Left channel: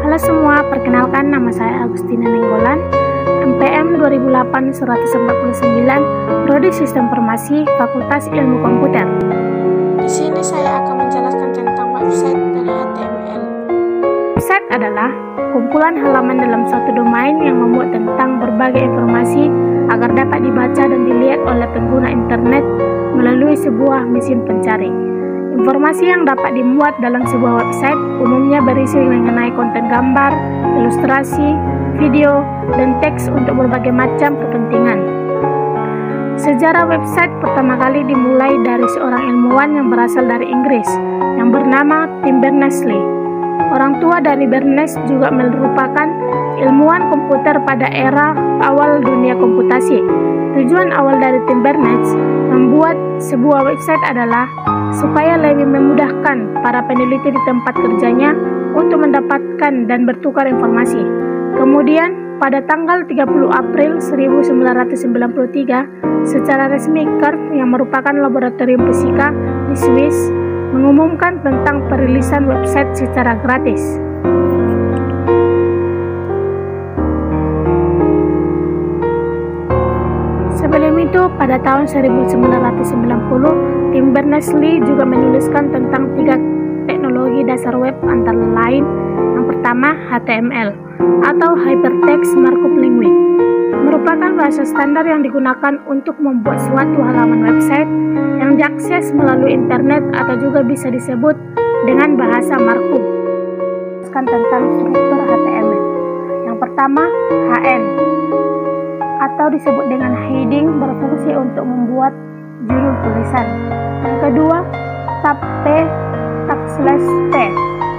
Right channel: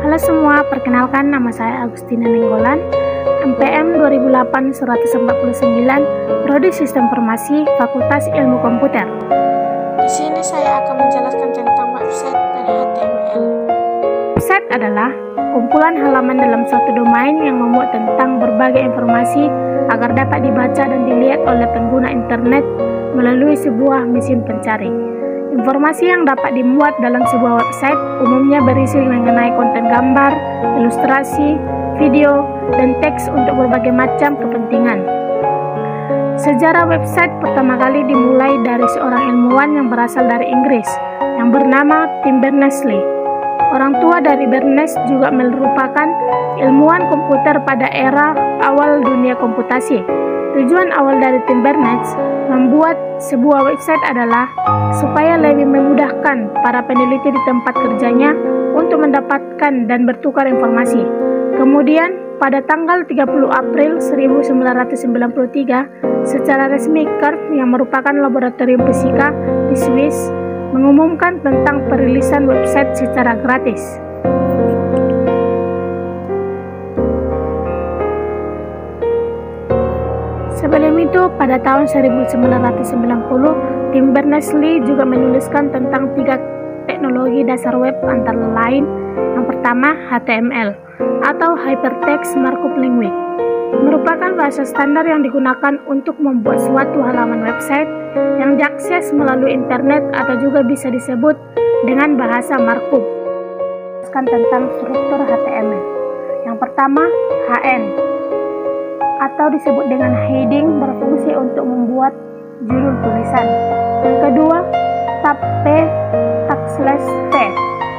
Halo semua, perkenalkan nama saya Agustina Nenggolan, MPM 2008-149, Prodi Sistem Informasi, Fakultas Ilmu Komputer. Di sini saya akan menjelaskan tentang website dan HTML. Website adalah kumpulan halaman dalam suatu domain yang memuat tentang berbagai informasi agar dapat dibaca dan dilihat oleh pengguna internet melalui sebuah mesin pencari. Informasi yang dapat dimuat dalam sebuah website umumnya berisi mengenai konten gambar, ilustrasi, video, dan teks untuk berbagai macam kepentingan. Sejarah website pertama kali dimulai dari seorang ilmuwan yang berasal dari Inggris yang bernama Tim Berners-Lee. Orang tua dari Berners juga merupakan ilmuwan komputer pada era awal dunia komputasi. Tujuan awal dari Tim Berners membuat sebuah website adalah supaya lebih memudahkan para peneliti di tempat kerjanya untuk mendapatkan dan bertukar informasi. Kemudian, pada tanggal 30 April 1993, secara resmi CERN yang merupakan laboratorium fisika di Swiss mengumumkan tentang perilisan website secara gratis. Sebelum itu, pada tahun 1990, Tim Berners-Lee juga menuliskan tentang 3 teknologi dasar web antara lain. Yang pertama, HTML atau Hypertext Markup Language, merupakan bahasa standar yang digunakan untuk membuat suatu halaman website yang diakses melalui internet atau juga bisa disebut dengan bahasa markup. Tentang struktur HTML. Yang pertama, HN atau disebut dengan heading, berfungsi untuk membuat judul tulisan. Yang kedua, tab P, /T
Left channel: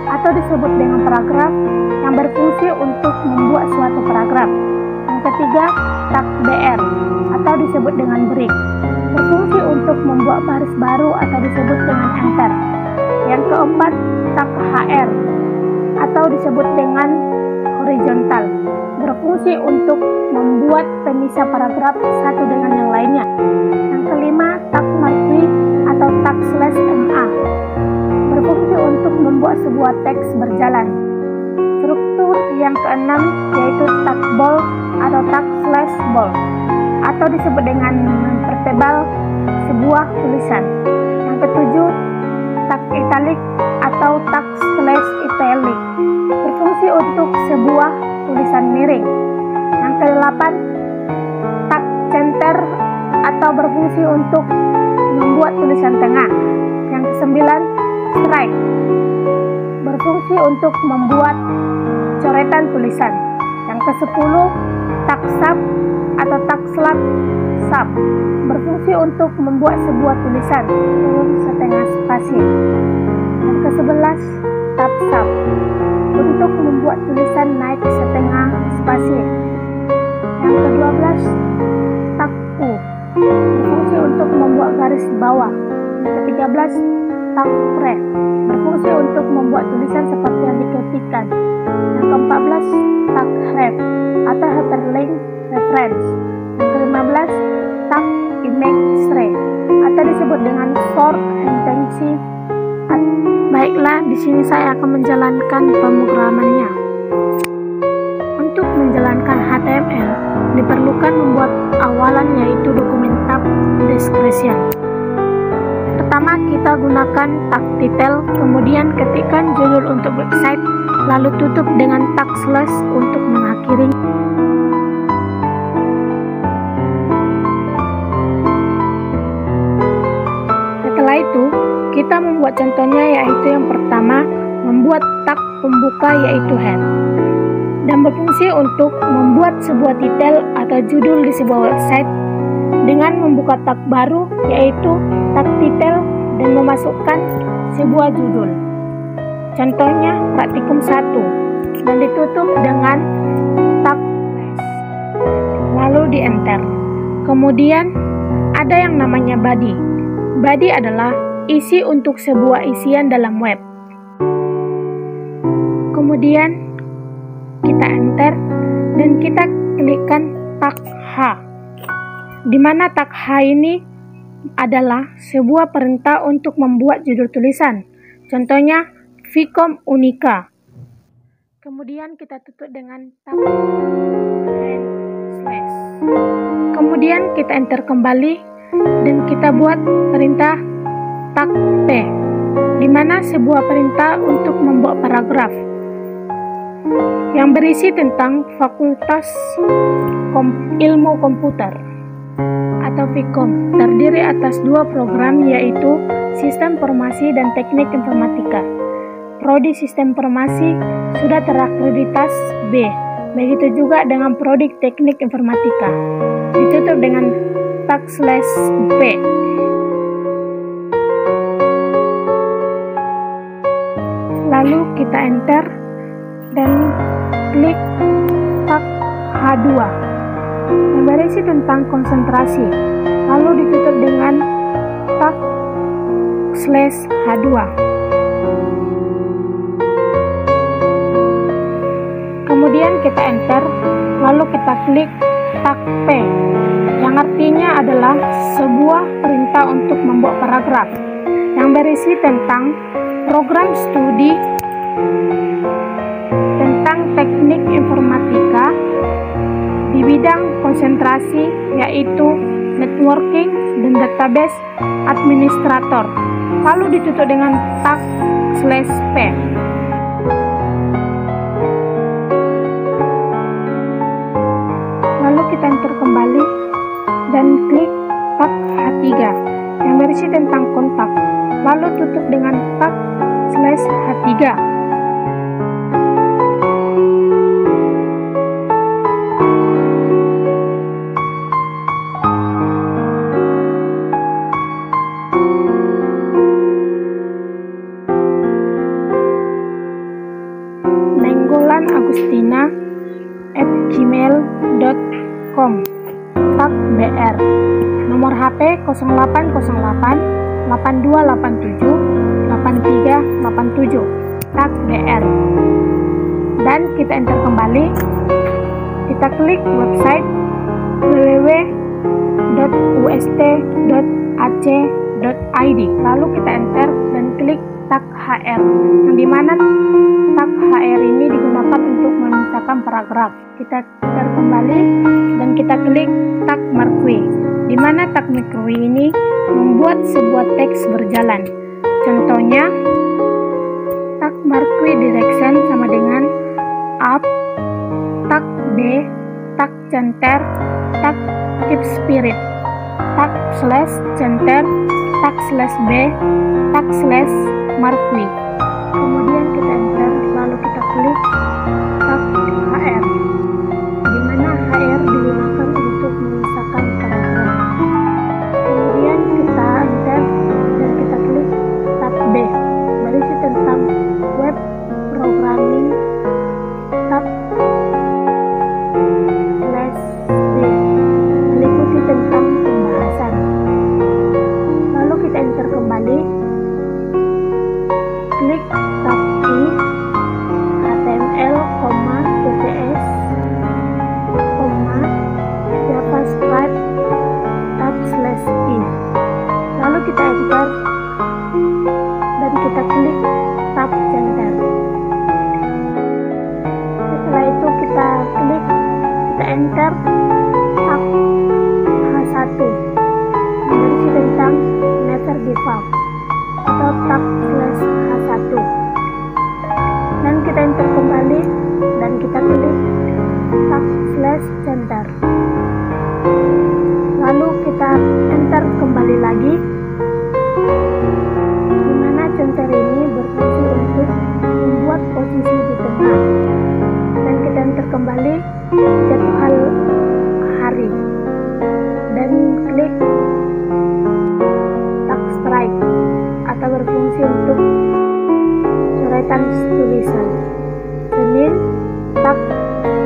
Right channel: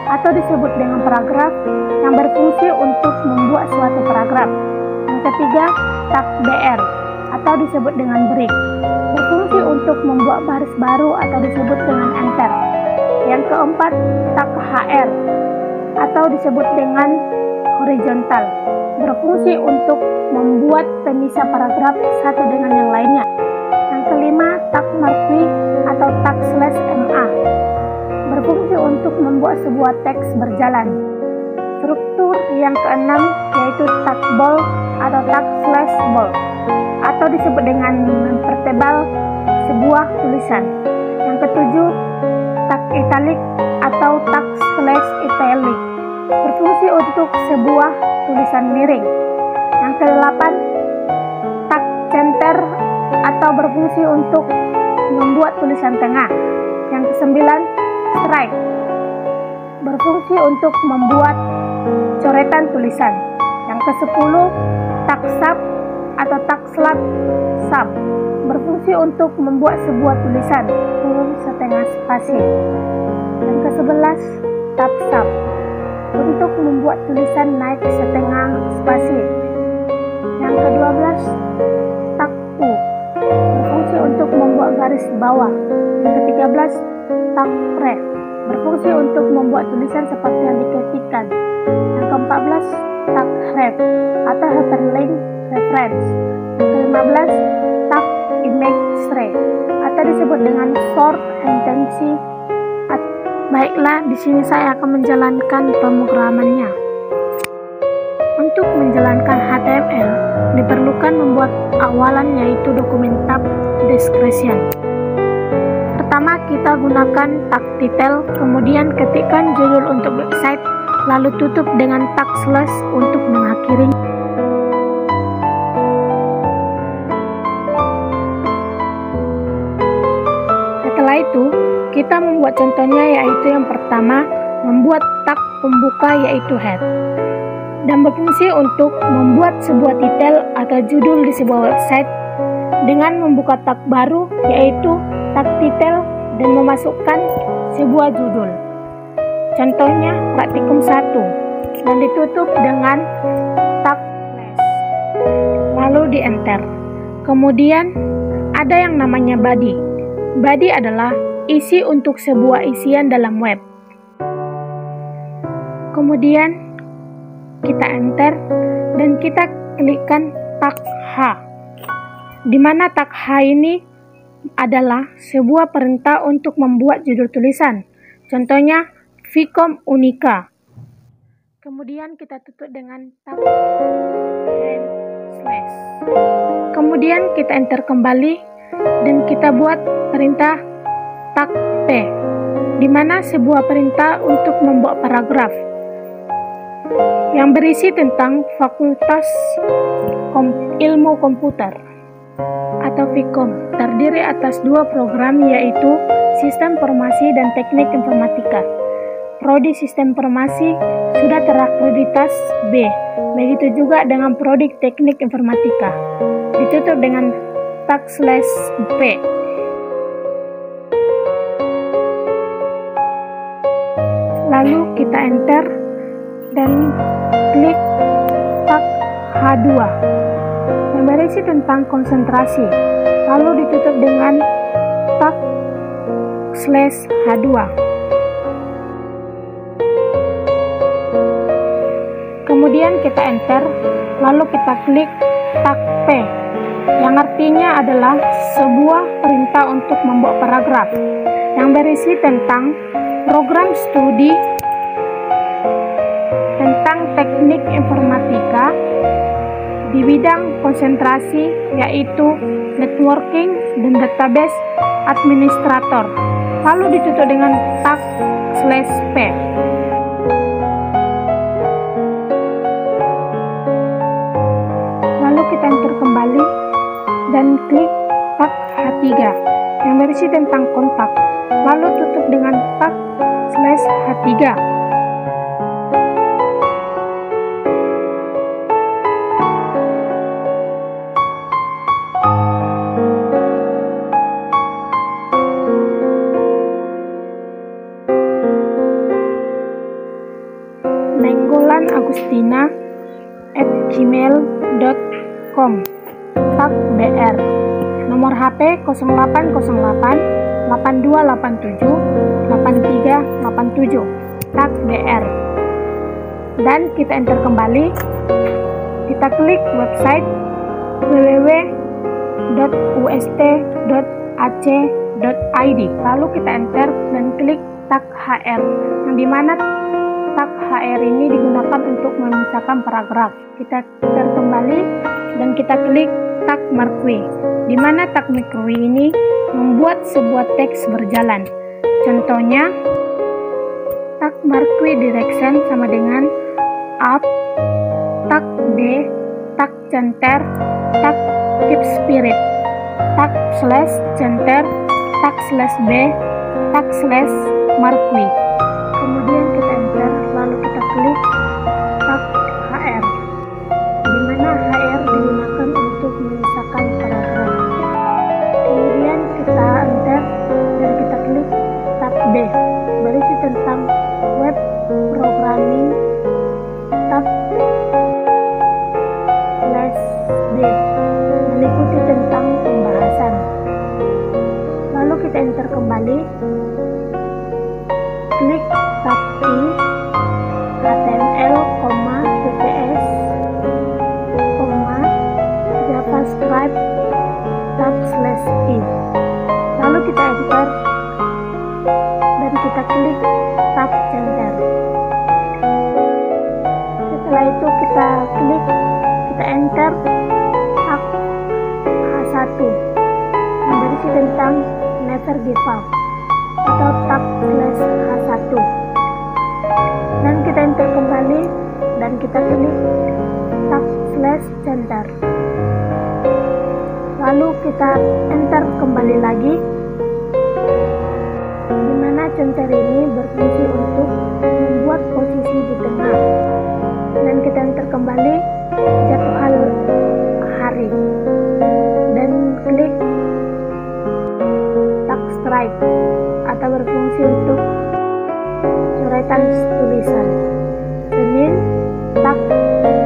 atau disebut dengan paragraf yang berfungsi untuk membuat suatu paragraf. Yang ketiga, tag BR atau disebut dengan break, berfungsi untuk membuat baris baru atau disebut dengan enter. Yang keempat, tag HR atau disebut dengan horizontal, berfungsi untuk membuat pemisah paragraf satu dengan yang lainnya. Yang kelima, tag marquee atau tag /MA, berfungsi untuk membuat sebuah teks berjalan. Struktur yang keenam yaitu tag bold atau tag /bold atau disebut dengan mempertebal sebuah tulisan. Yang ketujuh, tag italic atau tag /italic, berfungsi untuk sebuah tulisan miring. Yang kedelapan, tag center atau berfungsi untuk membuat tulisan tengah. Yang kesembilan, stripe, berfungsi untuk membuat coretan tulisan. Yang kesepuluh, tag sub atau tag sub, berfungsi untuk membuat sebuah tulisan turun setengah spasi. Yang ke-11, tab sub, untuk membuat tulisan naik setengah spasi. Yang ke-12, tag U, berfungsi untuk membuat garis bawah. Yang ke-13, tag ref, berfungsi untuk membuat tulisan seperti yang diketikkan. Yang ke-14, tag ref atau hyperlink reference. Yang ke-15, tag image tray atau disebut dengan short intensi. Baiklah, di sini saya akan menjalankan pemrogramannya. Untuk menjalankan HTML, diperlukan membuat awalan yaitu dokumen tab description. Pertama, kita gunakan tag title, kemudian ketikkan judul untuk website, lalu tutup dengan tag slash untuk mengakhiri. Setelah itu, kita membuat contohnya, yaitu yang pertama, membuat tag pembuka yaitu head, dan berfungsi untuk membuat sebuah titel atau judul di sebuah website dengan membuka tag baru yaitu tag titel dan memasukkan sebuah judul. Contohnya praktikum 1, dan ditutup dengan tag slash, lalu di enter. Kemudian ada yang namanya body. Body adalah isi untuk sebuah isian dalam web. Kemudian kita enter dan kita klikkan tag H, di mana tag H ini adalah sebuah perintah untuk membuat judul tulisan. Contohnya Vcom Unica. Kemudian kita tutup dengan tab and slash. Kemudian kita enter kembali dan kita buat perintah tag P, di mana sebuah perintah untuk membuat paragraf yang berisi tentang Fakultas Ilmu Komputer atau Vkom, terdiri atas dua program, yaitu Sistem Informasi dan Teknik Informatika. Prodi Sistem Informasi sudah terakreditasi B, begitu juga dengan Prodi Teknik Informatika. Ditutup dengan tag slash P. Lalu kita enter dan klik tag H2 yang berisi tentang konsentrasi, lalu ditutup dengan tag slash H2. Kemudian kita enter, lalu kita klik tag P yang artinya adalah sebuah perintah untuk membuat paragraf yang berisi tentang program studi tentang teknik informatika di bidang konsentrasi, yaitu networking dan database administrator, lalu ditutup dengan tag slash P. Lalu kita enter kembali dan klik tag H3 yang berisi tentang kontak, lalu tutup dengan tag slash H3. nenggolanagustina@gmail.com, tag BR, nomor HP 0808 8287 8387, tag BR. Dan kita enter kembali, kita klik website www.ust.ac.id, lalu kita enter dan klik tag HR, yang dimana tag HR ini digunakan untuk memisahkan paragraf. Kita enter kembali dan kita klik tag Marquee, di mana tag Marquee ini membuat sebuah teks berjalan. Contohnya, tag Marquee direction sama dengan up, tag B, tag center, tag keep spirit, tag slash center, tag slash B, tag slash Marquee. Kemudian kita enter, lalu kita klik tag HR, di mana HR digunakan untuk memisahkan paragraf. Kemudian kita enter dan kita klik tab B, berisi tentang web programming, tab slash B, meliputi tentang pembahasan. Lalu kita enter kembali, klik tab I, HTML, CSS, JavaScript, tab slash I. Lalu kita enter dan kita klik tab center. Setelah itu kita klik, kita enter tab H1 yang berisi tentang never give up atau tab slash H1, dan kita enter kembali dan kita klik tab slash center. Lalu kita enter kembali lagi, di mana center ini berfungsi untuk membuat posisi di tengah, dan kita enter kembali jadwal hari dan klik tag strike atau berfungsi untuk coretan tulisan. Senin, tag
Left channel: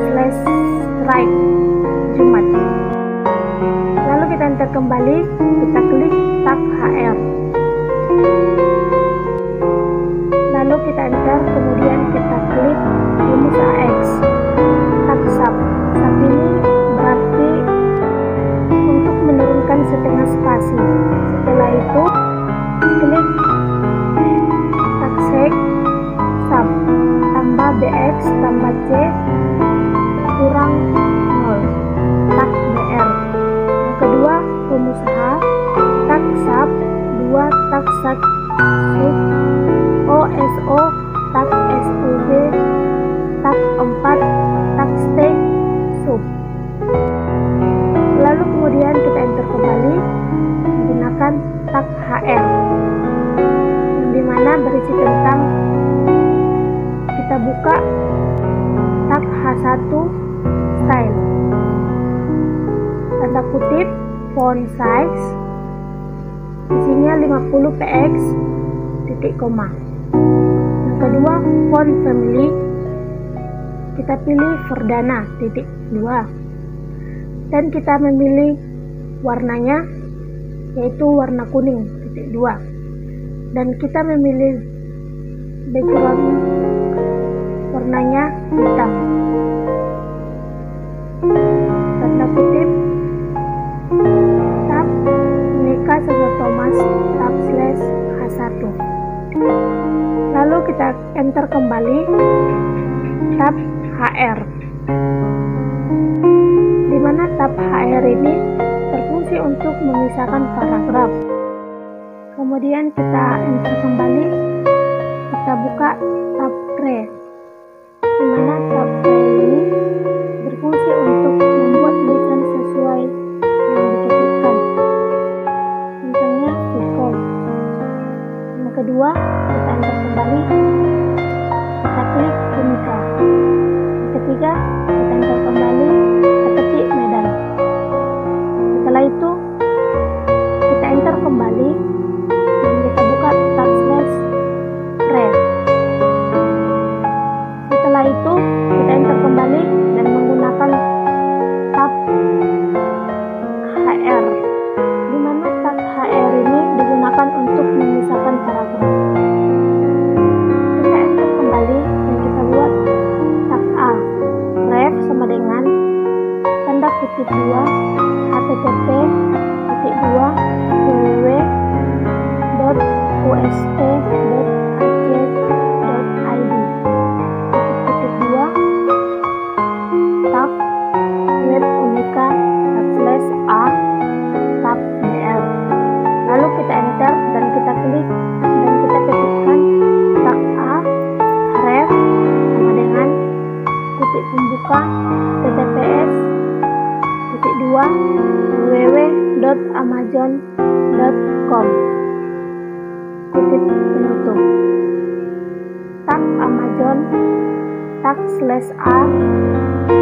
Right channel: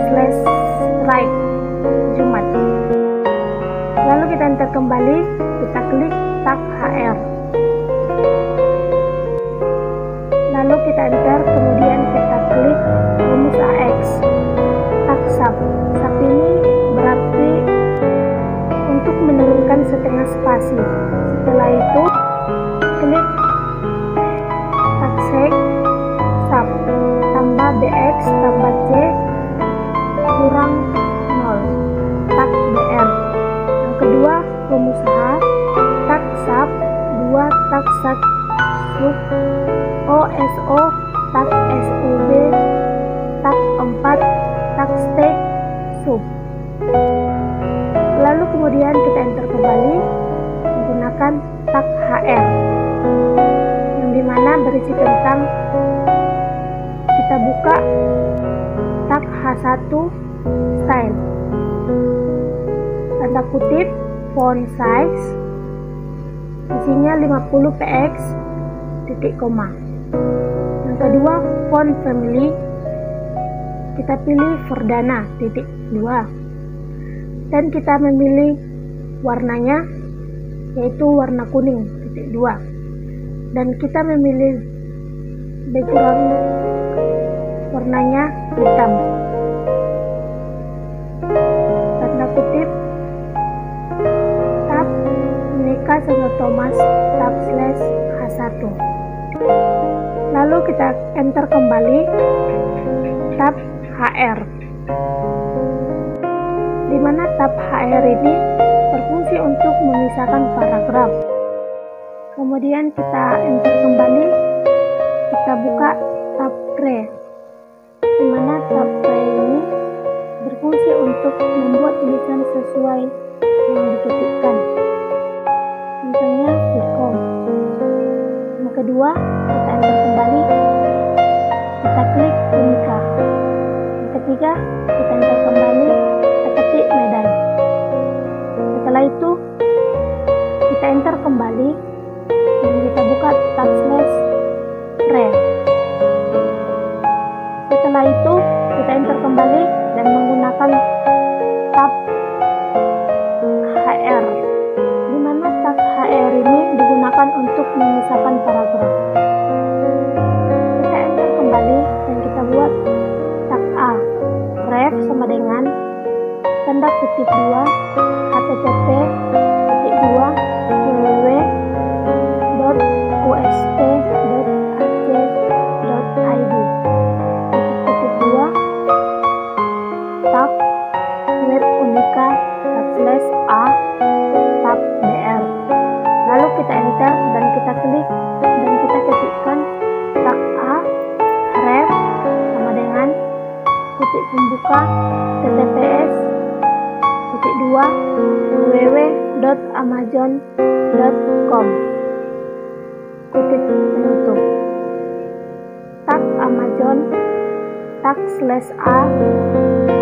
slash strike Jumat. Lalu kita enter kembali, kita klik tag HR. Lalu kita enter, kemudian kita klik rumus AX, tag sub. Sub ini berarti untuk menurunkan setengah spasi. Setelah itu klik tag sec sub tambah BX X tambah C kurang 0, tak BR. Yang kedua, pengusaha, tak SAP 2, tak SAT sub OSO, tak SUB, tak 4, tak stake sub. Lalu kemudian kita enter kembali menggunakan tak HR, yang dimana berisi tentang kita buka tak H1 style, tanda kutip font size, isinya 50 px titik koma. Yang kedua, font family, kita pilih Verdana titik 2, dan kita memilih warnanya yaitu warna kuning titik 2, dan kita memilih background warnanya hitam, tanda kutip tab Unika Santo Thomas tab / H1. Lalu kita enter kembali tab HR, di mana tab HR ini berfungsi untuk memisahkan paragraf. Kemudian kita enter kembali, kita buka tab Pre, di mana tab Pre ini berfungsi untuk membuat tulisan sesuai yang diketikkan, contohnya Vcom. Yang kedua, kita enter kembali, kita klik Unika. Yang ketiga, kita enter kembali, kita ketik Medan. Setelah itu kita enter kembali dan kita buka tab / Pre. Setelah itu kita enter kembali dan menggunakan tab HR, di mana tab HR ini digunakan untuk memisahkan paragraf. Kita enter kembali dan kita buat tab A, ref sama dengan tanda kutip 2 http://www.ust.ac.id kutip 2 tab web Unika /a tab BR. Lalu kita enter dan kita klik dan kita ketikkan tab A ref sama dengan kutip pembuka https://www.amazon.com kutip penutup tak Amazon tak /a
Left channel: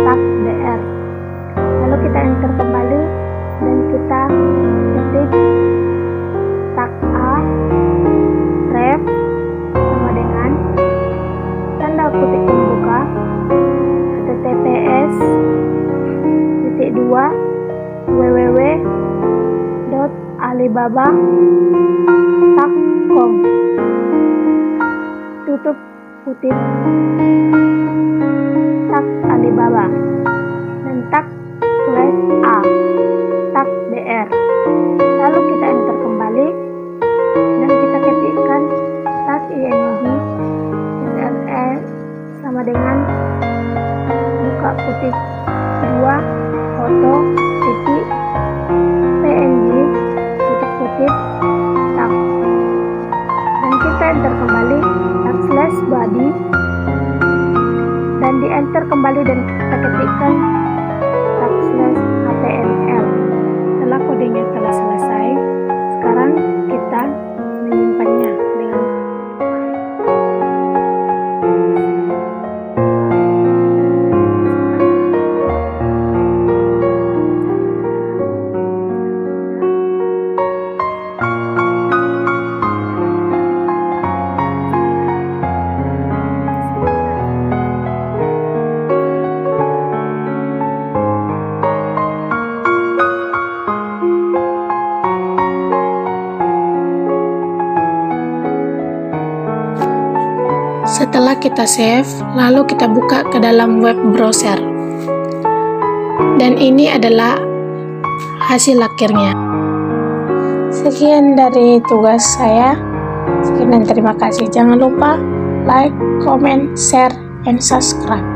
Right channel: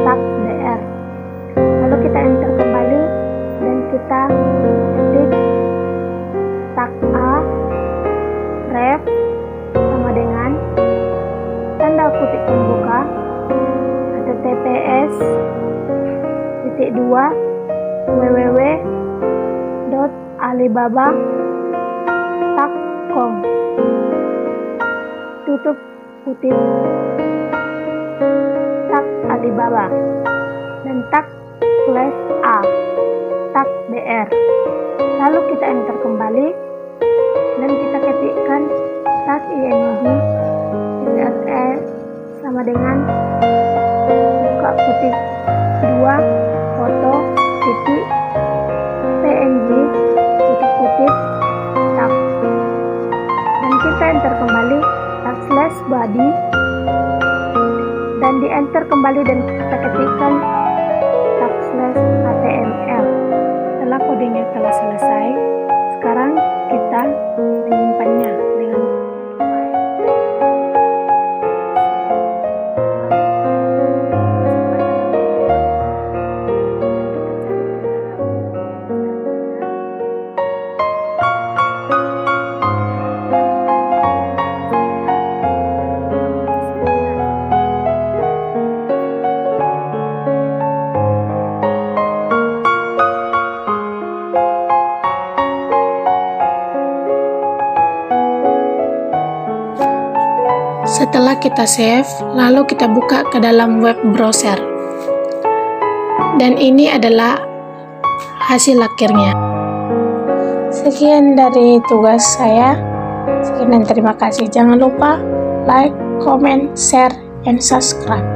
tak BR. Lalu kita enter kembali dan kita ketik tak A ref sama dengan tanda kutip pembuka https://www.alibaba.com tutup kutip tak Alibaba dan tak /a tak BR. Lalu kita enter kembali dan kita ketikkan tak ing SRE sama dengan buka kutip 2 foto titik PNG tutup kutip tak, dan kita enter kembali tak /body dan di enter kembali dan kita ketikkan tak /html. Setelah kodenya telah selesai, sekarang kita menyimpannya dengan Setelah kita save, lalu kita buka ke dalam web browser. Dan ini adalah hasil akhirnya. Sekian dari tugas saya. Sekian dan terima kasih. Jangan lupa like, comment, share, and subscribe.